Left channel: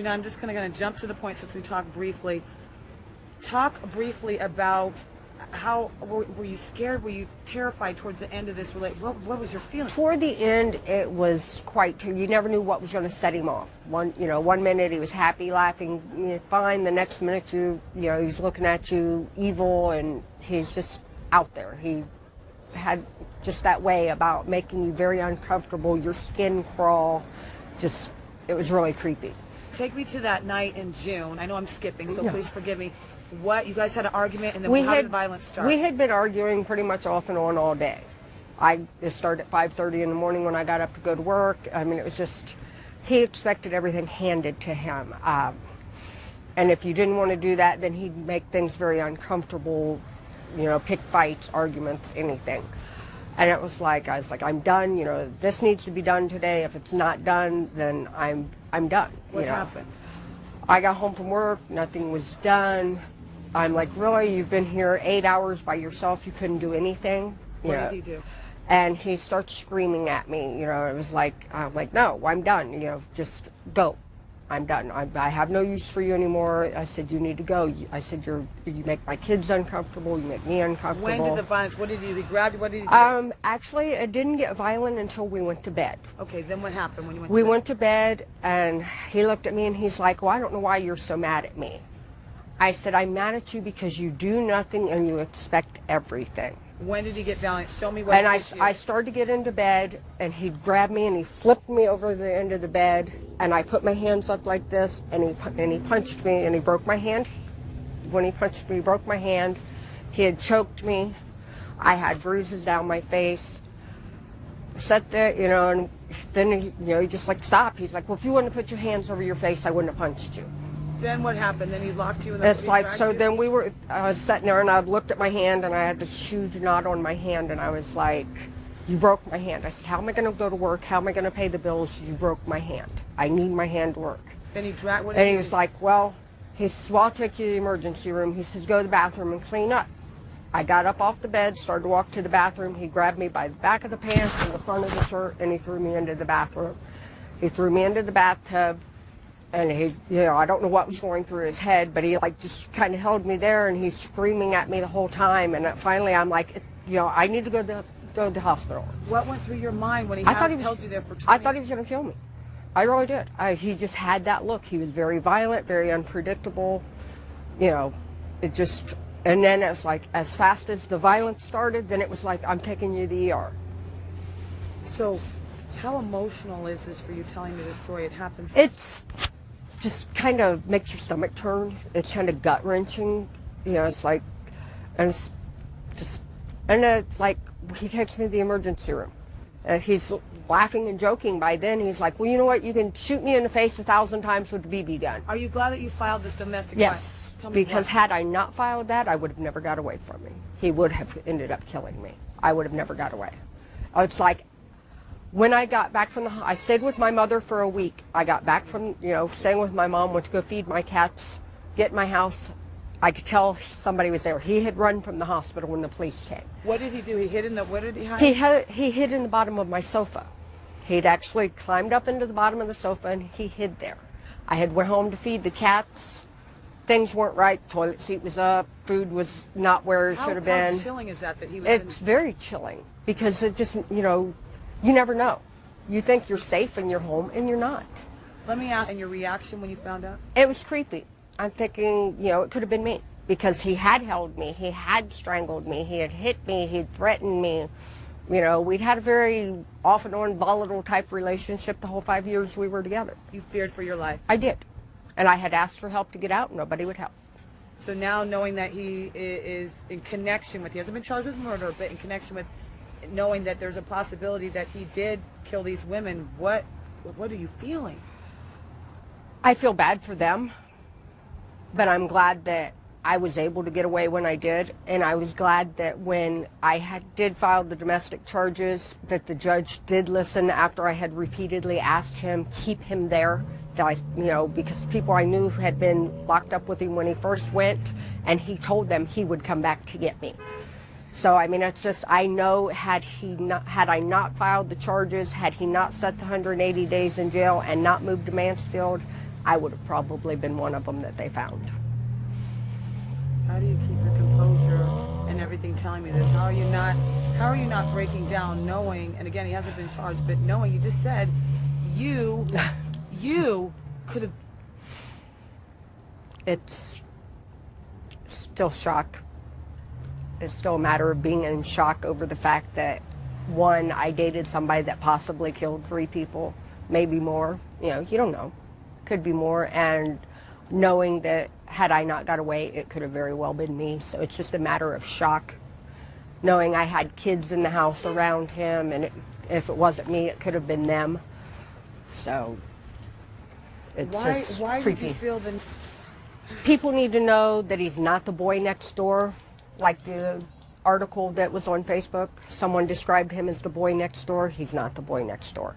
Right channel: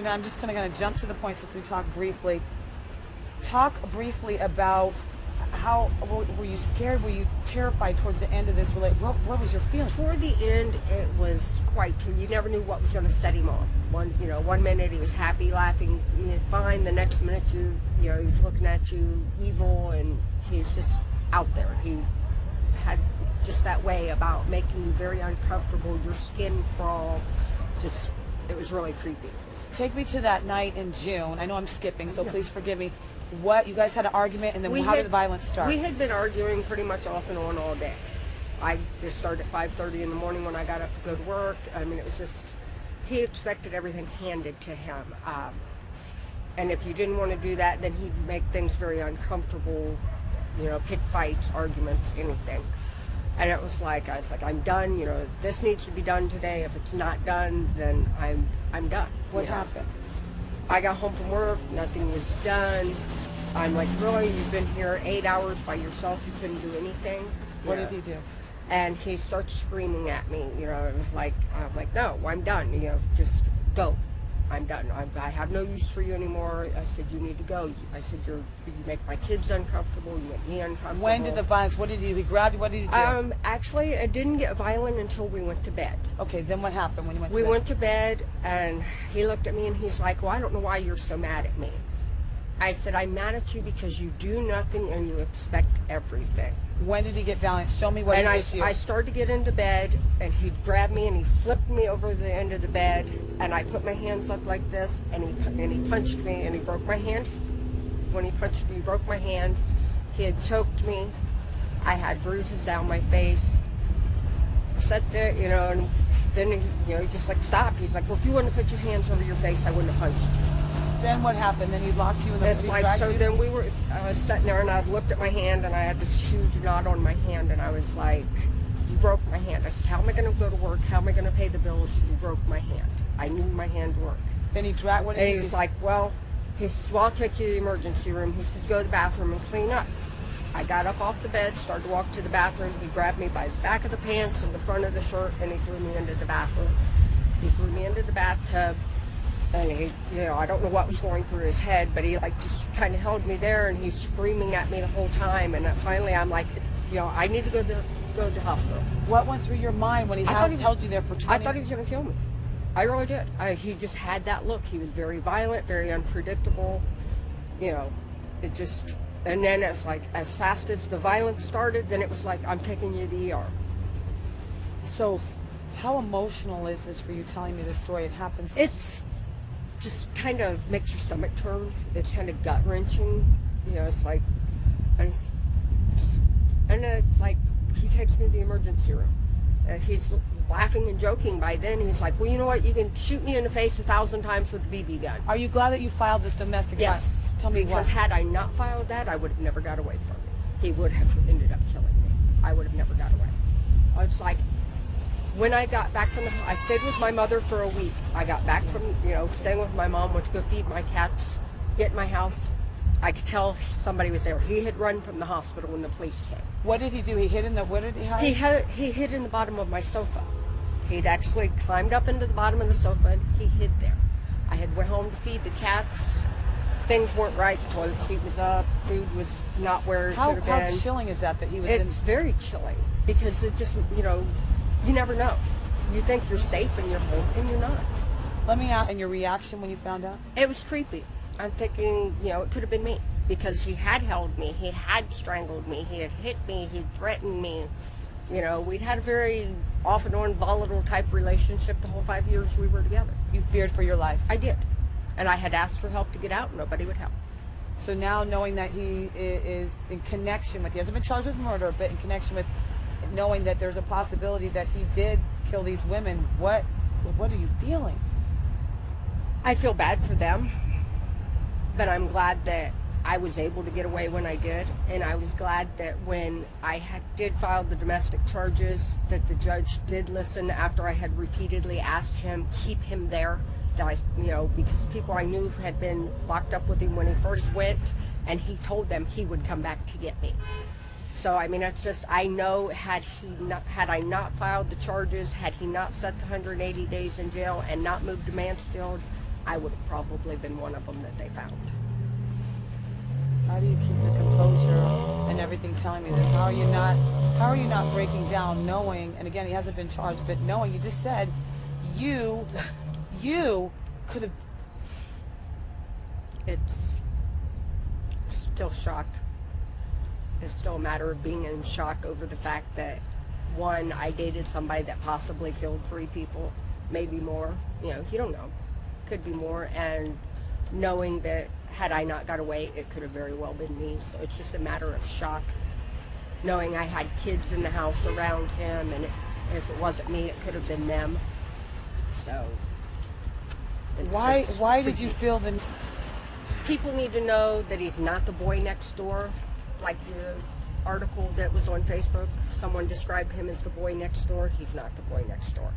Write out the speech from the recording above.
Now I'm just kind of going to jump to the point since we talked briefly. Talk briefly about how were you scared? Were you terrified towards the end of this relationship? What was your feeling? Toward the end, it was quite. You never knew what was going to set him off. One minute he was happy, laughing, fine. The next minute, he's looking at you evil, and he's just out there. He had just that way about making you very uncomfortable. Your skin crawl. It was really creepy. Take me to that night in June. I know I'm skipping, so please forgive me. What, you guys had an argument, and then how did the violence start? We had been arguing pretty much off and on all day. It started at 5:30 in the morning when I got up to go to work. I mean, it was just, he expected everything handed to him. And if you didn't want to do that, then he'd make things very uncomfortable, pick fights, arguments, anything. And I was like, I'm done. This needs to be done today. If it's not done, then I'm done. What happened? I got home from work. Nothing was done. I'm like, really? You've been here 8 hours by yourself. You couldn't do anything. What did he do? And he starts screaming at me. It was like, I'm like, no, I'm done. Just go. I'm done. I have no use for you anymore. I said, you need to go. I said, you make my kids uncomfortable. You make me uncomfortable. When did the violence, what did he do? He grabbed you? What did he do? Actually, it didn't get violent until we went to bed. Okay, then what happened when you went to bed? We went to bed, and he looked at me, and he's like, well, I don't know why you're so mad at me. I said, I'm mad at you because you do nothing and you expect everything. When did he get violent? Show me what he did to you. I started to get into bed, and he grabbed me and he flipped me over the end of the bed, and I put my hands up like this, and he punched me, and he broke my hand. When he punched me, he broke my hand. He had choked me. I had bruises down my face. Sat there, and then he just stopped. He's like, well, if you wouldn't have put your hands over your face, I wouldn't have punched you. Then what happened? Then he locked you in the then we were sitting there, and I looked at my hand, and I had this huge knot on my hand, and I was like, you broke my hand. I said, how am I going to go to work? How am I going to pay the bills? You broke my hand. I need my hand to work. Then he dragged. And he was like, well, I'll take you to the emergency room. He says, go to the bathroom and clean up. I got up off the bed, started to walk to the bathroom. He grabbed me by the back of the pants and the front of the shirt, and he threw me into the bathroom. He threw me into the bathtub. And he, I don't know what was going through his head, but he just kind of held me there, and he's screaming at me the whole time. And finally, I'm like, I need to go to the hospital. What went through your mind when he held you there for 20 minutes? I thought he was going to kill me. I really did. He just had that look. He was very violent, very unpredictable. It just, and then it was like, as fast as the violence started, then it was like, I'm taking you to the ER. So, how emotional is this for you telling me this story? It happens. It's just kind of makes your stomach turn. It's kind of gut wrenching. It's like, and it's like he takes me to the emergency room. And he's laughing and joking by then. He's like, well, you know what? You can shoot me in the face 1,000 times with the BB gun. Are you glad that you filed this domestic? Yes. Tell me because what. Had I not filed that, I would have never got away from me. He would have ended up killing me. I would have never got away. It's like, when I got back from I stayed with my mother for a week. I got back from, staying with my mom, went to go feed my cats, get in my house. I could tell somebody was there. He had run from the hospital when the police came. What did he do? He hid in the, what did he hide? He hid in the bottom of my sofa. He'd actually climbed up into the bottom of the sofa, and he hid there. I had went home to feed the cats. Things weren't right. The toilet seat was up. Food was not where it should have been. How chilling is that he was It's very chilling because it just, you never know. You think you're safe in your home, and you're not. Let me ask, and your reaction when you found out? It was creepy. I'm thinking, it could have been me because he had held me. He had strangled me. He had hit me. He had threatened me. We'd had a very off and on volatile type relationship the whole 5 years we were together. You feared for your life? I did. And I had asked for help to get out. Nobody would help. So now knowing that he is in connection with, he hasn't been charged with murder, but in connection with knowing that there's a possibility that he did kill these women, what are you feeling? I feel bad for them, but I'm glad that I was able to get away when I did, and I was glad that when I did file the domestic charges, that the judge did listen after I had repeatedly asked him, keep him there, because people I knew had been locked up with him when he first went, and he told them he would come back to get me. So, it's just, I know had I not filed the charges, had he not set the 180 days in jail and not moved to Mansfield, I would have probably been one of them that they found. How do you keep your composure and everything telling me this? How are you not breaking down knowing, and again, he hasn't been charged, but knowing, you just said you could have. It's still shock. It's still a matter of being in shock over the fact that, one, I dated somebody that possibly killed 3 people, maybe more. You know, you don't know. Could be more. And knowing that had I not got away, it could have very well been me. So it's just a matter of shock. Knowing I had kids in the house around him, and if it wasn't me, it could have been them. So it's Why did creepy. you feel the? People need to know that he's not the boy next door, like the article that was on Facebook. Someone described him as the boy next door. He's not the boy next door.